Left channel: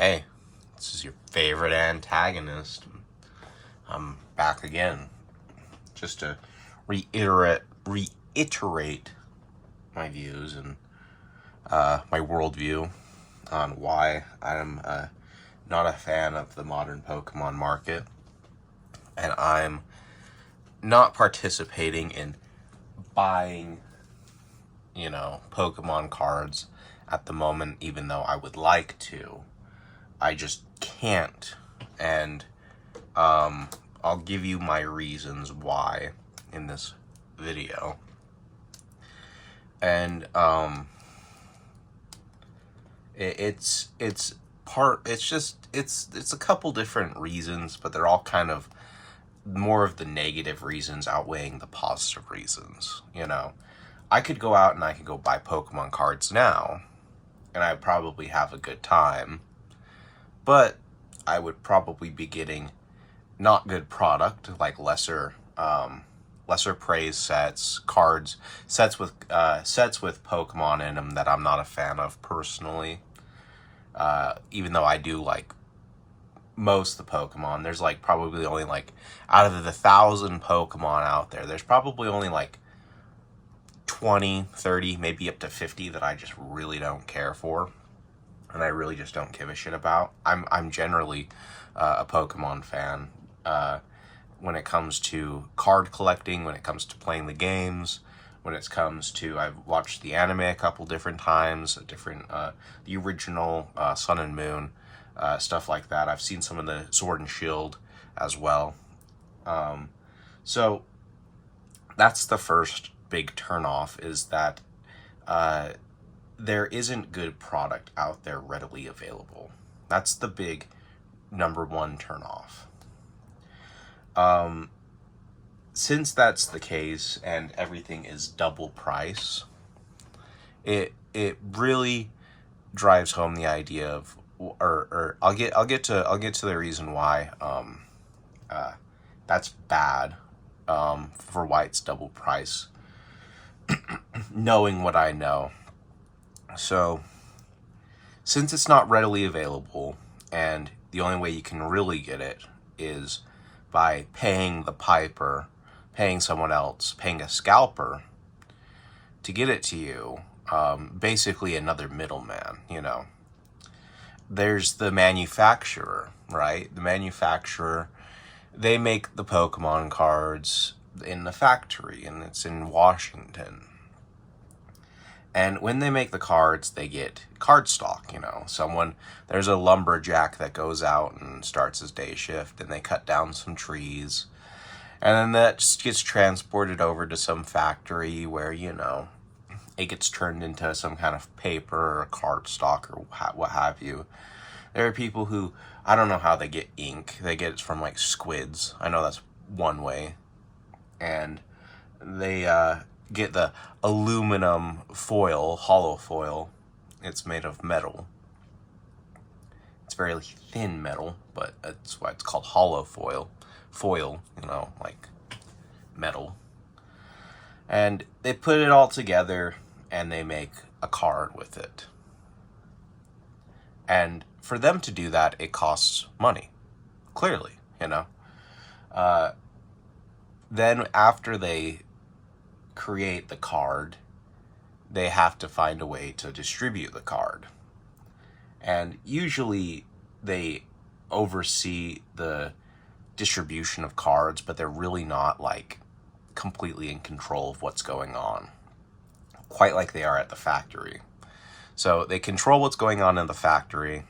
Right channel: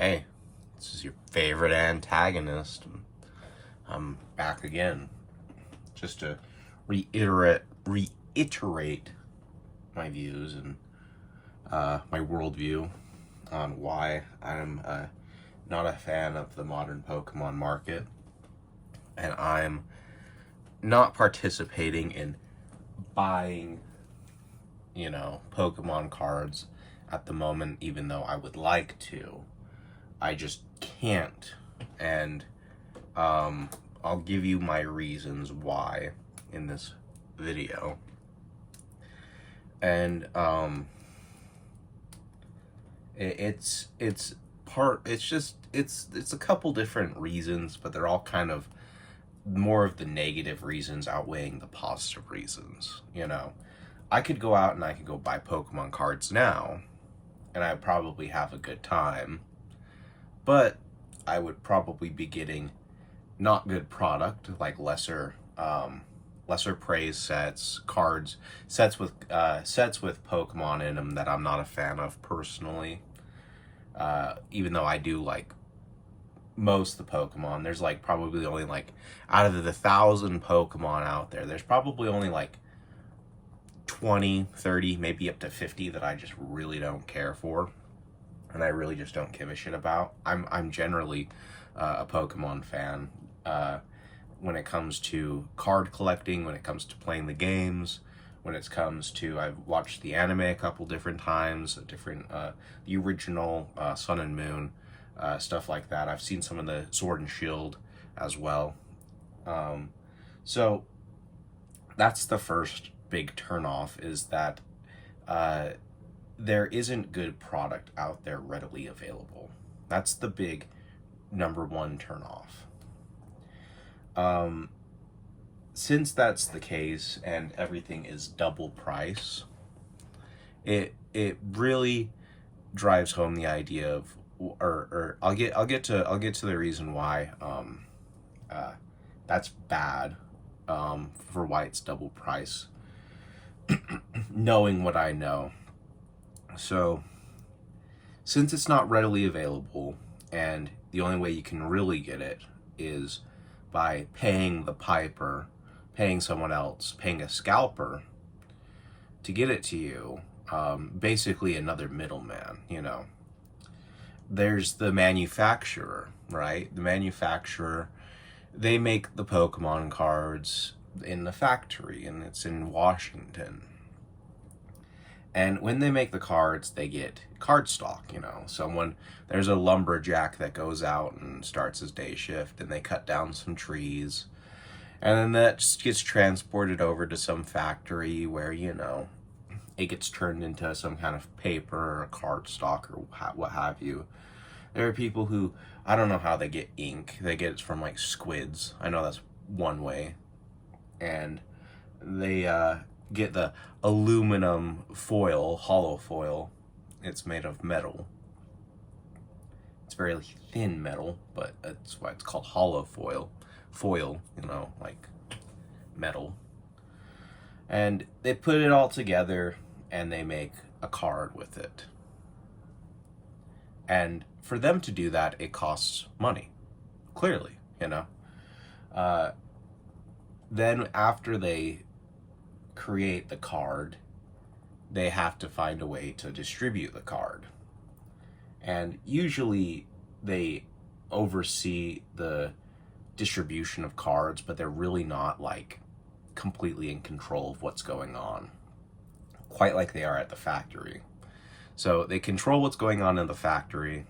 Hey, this is your favorite antagonist. I'm back again, just to reiterate my views and my worldview on why I'm not a fan of the modern Pokemon market, and I'm not participating in buying, Pokemon cards at the moment, even though I would like to. I just can't. And I'll give you my reasons why in this video. And it's a couple different reasons, but they're all kind of more of the negative reasons outweighing the positive reasons. I could go out and I could go buy Pokemon cards now, and I'd probably have a good time. But I would probably be getting not good product, like lesser praise sets, cards, sets with Pokemon in them that I'm not a fan of personally. Even though I do like most of the Pokemon, there's like probably only like out of the 1,000 Pokemon out there, there's probably only like 20, 30, maybe up to 50 that I just really don't care for. And I really just don't give a shit about. I'm generally a Pokemon fan when it comes to card collecting, when it comes to playing the games, when it comes to, I've watched the anime a couple different times, the original Sun and Moon, stuff like that. I've seen some of the Sword and Shield as well. So that's the first big turnoff, is that there isn't good product out there readily available. That's the big number one turnoff. Since that's the case and everything is double price, it really drives home the idea of, or I'll get to the reason why that's bad, for why it's double price. Knowing what I know. So, since it's not readily available, and the only way you can really get it is by paying the piper, paying someone else, paying a scalper to get it to you, basically another middleman, There's the manufacturer, right? The manufacturer, they make the Pokemon cards in the factory, and it's in Washington. And when they make the cards, they get card stock, there's a lumberjack that goes out and starts his day shift, and they cut down some trees. And then that just gets transported over to some factory where, it gets turned into some kind of paper or card stock or what have you. There are people who, I don't know how they get ink. They get it from like squids. I know that's one way. And they get the aluminum foil, hollow foil. It's made of metal. It's very thin metal, but that's why it's called hollow foil. Foil, like metal. And they put it all together and they make a card with it. And for them to do that, it costs money. Clearly, Then after they create the card, they have to find a way to distribute the card. And usually they oversee the distribution of cards, but they're really not like completely in control of what's going on, quite like they are at the factory. So they control what's going on in the factory,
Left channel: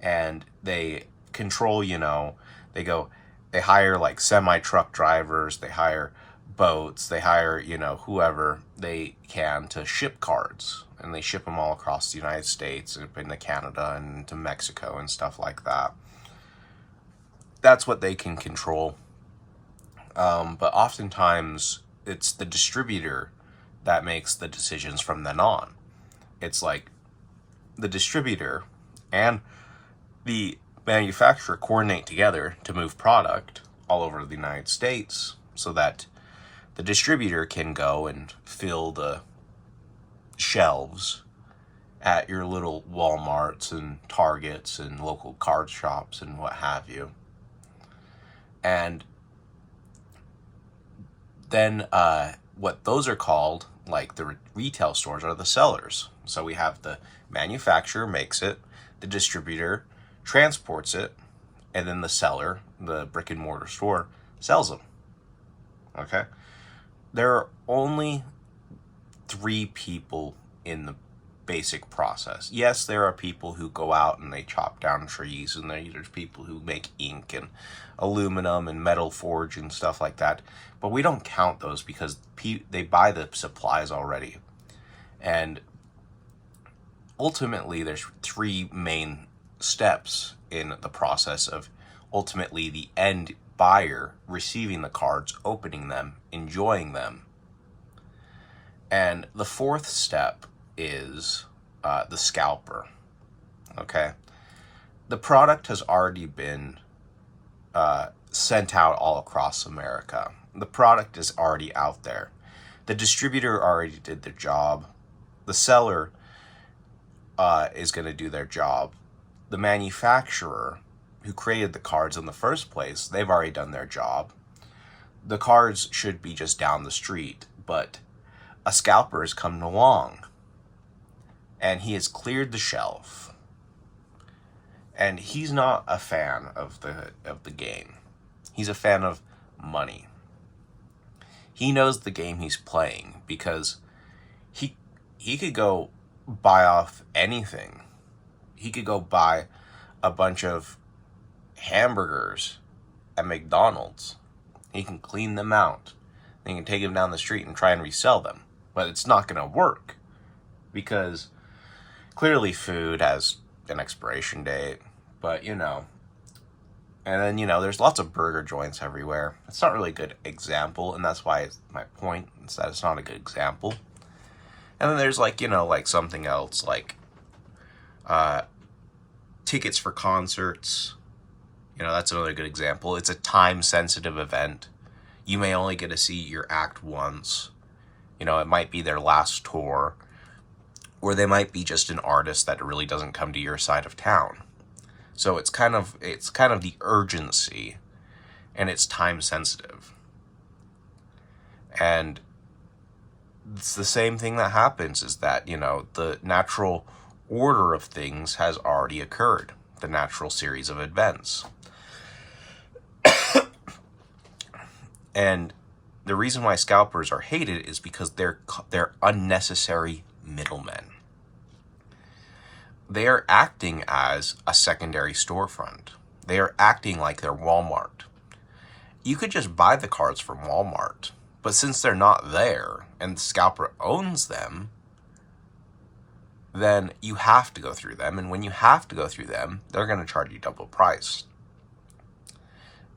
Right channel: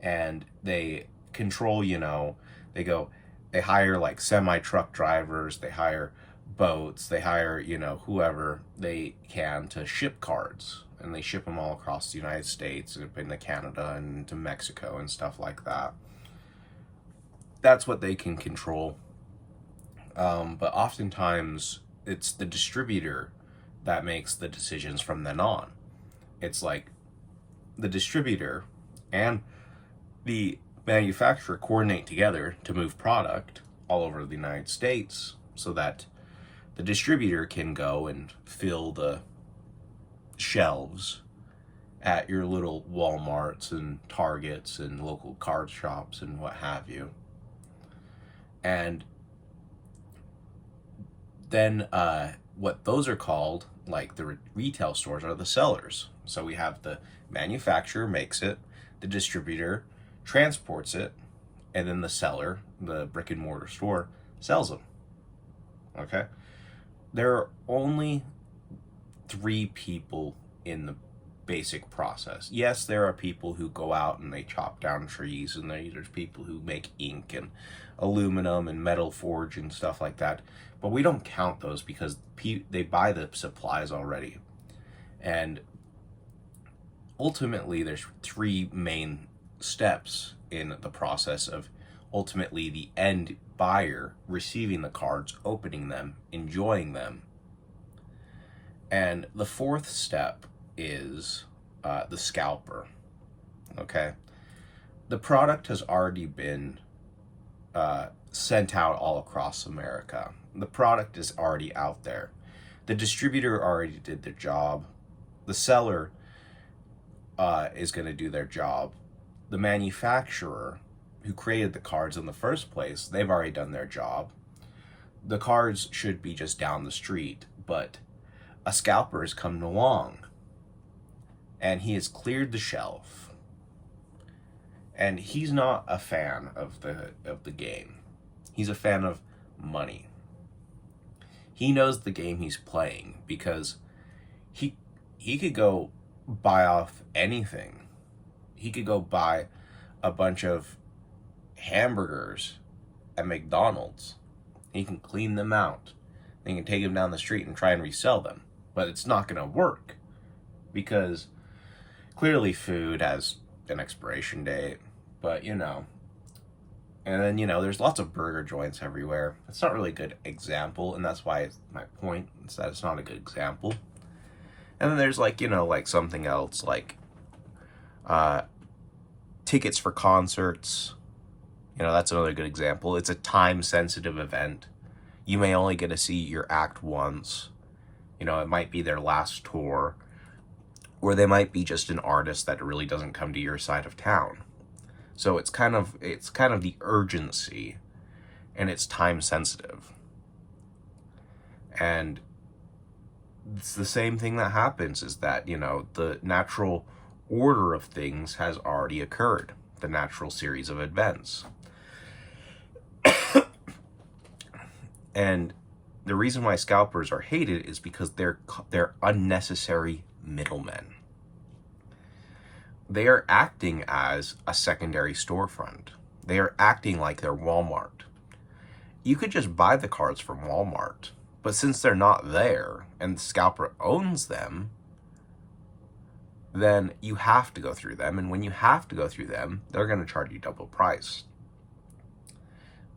and they control, they hire like semi-truck drivers, they hire boats, they hire, whoever they can to ship cards, and they ship them all across the United States and into Canada and to Mexico and stuff like that. That's what they can control. But oftentimes it's the distributor that makes the decisions from then on. It's like the distributor and the manufacturer coordinate together to move product all over the United States so that the distributor can go and fill the shelves at your little Walmarts and Targets and local card shops and what have you. And then what those are called, like the retail stores, are the sellers. So we have the manufacturer makes it, the distributor transports it, and then the seller, the brick and mortar store, sells them. Okay? There are only 3 people in the basic process. Yes, there are people who go out and they chop down trees, and there's people who make ink and aluminum and metal forge and stuff like that. But we don't count those because they buy the supplies already. And ultimately, there's 3 main steps in the process of ultimately the end buyer receiving the cards, opening them, enjoying them. And the 4th step is the scalper. Okay? The product has already been sent out all across America. The product is already out there. The distributor already did their job. The seller is going to do their job. The manufacturer who created the cards in the first place, they've already done their job. The cards should be just down the street, but a scalper has come along and he has cleared the shelf. And he's not a fan of the game. He's a fan of money. He knows the game he's playing because he could go buy off anything. He could go buy a bunch of hamburgers at McDonald's. He can clean them out. He can take them down the street and try and resell them. But it's not going to work because clearly food has an expiration date. But, you know. And then, you know, there's lots of burger joints everywhere. It's not really a good example, and that's why my point is that it's not a good example. And then there's, like, you know, like something else, like tickets for concerts. You know, that's another good example. It's a time-sensitive event. You may only get to see your act once. You know, it might be their last tour. Or they might be just an artist that really doesn't come to your side of town. So it's kind of the urgency, and it's time-sensitive. And it's the same thing that happens is that, you know, the natural order of things has already occurred. The natural series of events. And the reason why scalpers are hated is because they're unnecessary middlemen. They are acting as a secondary storefront. They are acting like they're Walmart. You could just buy the cards from Walmart, but since they're not there and the scalper owns them, then you have to go through them. And when you have to go through them, they're going to charge you double price.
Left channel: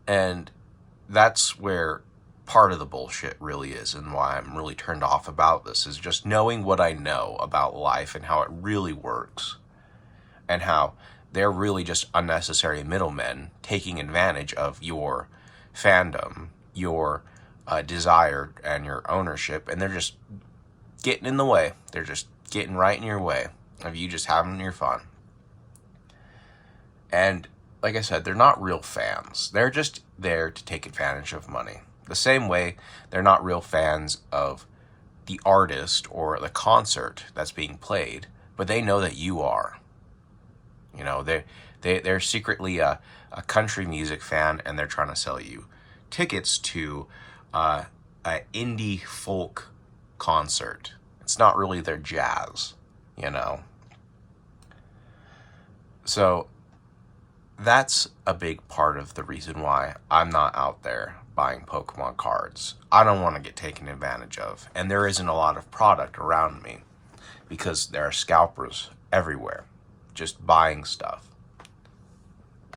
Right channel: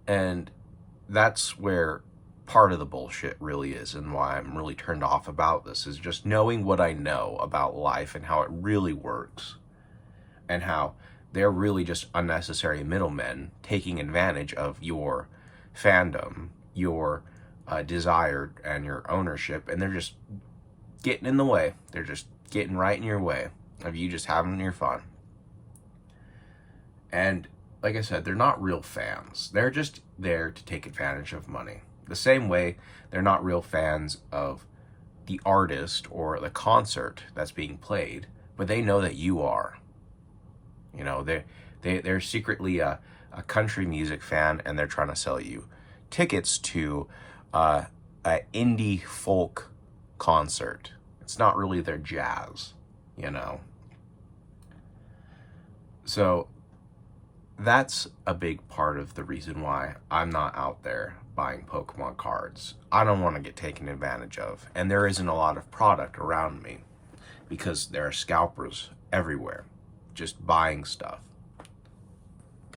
And that's where part of the bullshit really is, and why I'm really turned off about this, is just knowing what I know about life and how it really works. And how they're really just unnecessary middlemen taking advantage of your fandom, your desire, and your ownership. And they're just getting in the way. They're just getting right in your way of you just having your fun. And like I said, they're not real fans. They're just there to take advantage of money. The same way they're not real fans of the artist or the concert that's being played, but they know that you are. You know, they're secretly a country music fan, and they're trying to sell you tickets to an indie folk concert. It's not really their jazz, you know. So that's a big part of the reason why I'm not out there buying Pokemon cards. I don't want to get taken advantage of, and there isn't a lot of product around me because there are scalpers everywhere just buying stuff.